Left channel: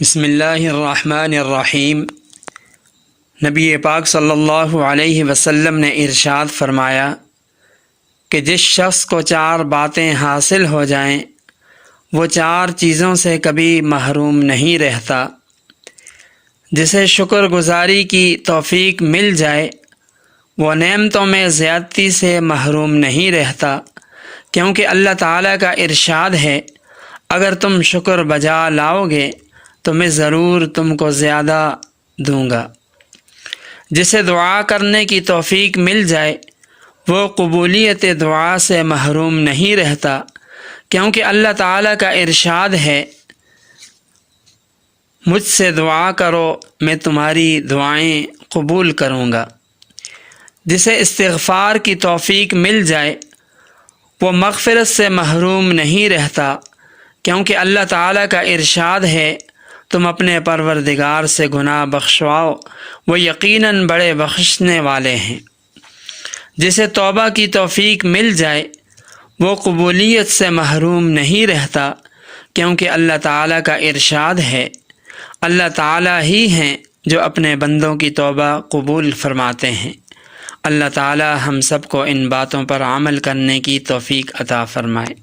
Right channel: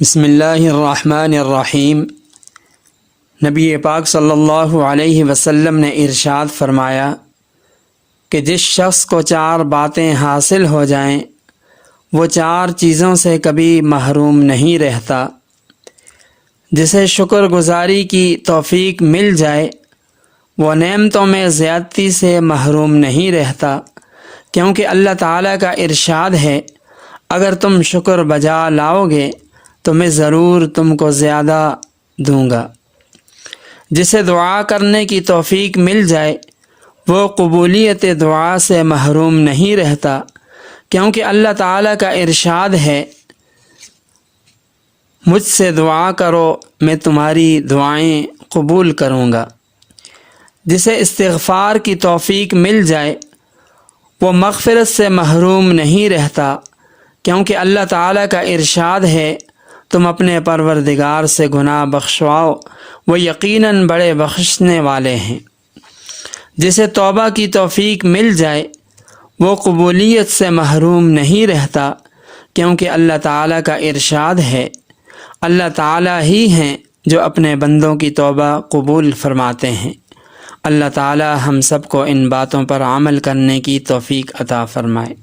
بسم اللہ الرحمن الرحیم۔ نبی پاک صلی اللہ علیہ وسلم نے ارشاد فرمایا کہ جس شخص کو 4 باتیں حاصل ہو جائیں وہ 4 چیزوں سے کبھی محروم نہیں رہتا۔ جسے شکر گزاری کی توفیق مل جائے وہ نعمتوں میں زیادتی سے محروم نہیں رہتا، کیونکہ اللہ تعالیٰ کا ارشاد ہے اگر تم شکر بجا لاؤ گے تو میں ضرور تم کو زیادہ دوں گا۔ جسے دعا کرنے کی توفیق مل جائے وہ قبولیت دعا سے محروم نہیں رہتا، کیونکہ اللہ تعالیٰ کا ارشاد ہے مجھ سے دعا کرو میں تمہاری دعائیں قبول کروں گا۔ جسے استغفار کی توفیق مل جائے وہ مغفرت سے محروم نہیں رہتا، کیونکہ اللہ تعالیٰ کا ارشاد ہے تم اپنے پروردگار سے گناہ بخشواؤ، وہ یقیناً بڑے بخشنے والے ہیں۔ جسے توبہ کی توفیق مل جائے وہ قبولیت سے محروم نہیں رہتا، کیونکہ اللہ تعالیٰ کا ارشاد ہے اللہ تعالیٰ ہی ہیں جو اپنے بندوں کی توبہ قبول فرماتے ہیں۔ اللہ تعالیٰ ہم سب کو ان باتوں پر عمل کرنے کی توفیق عطا فرمائے۔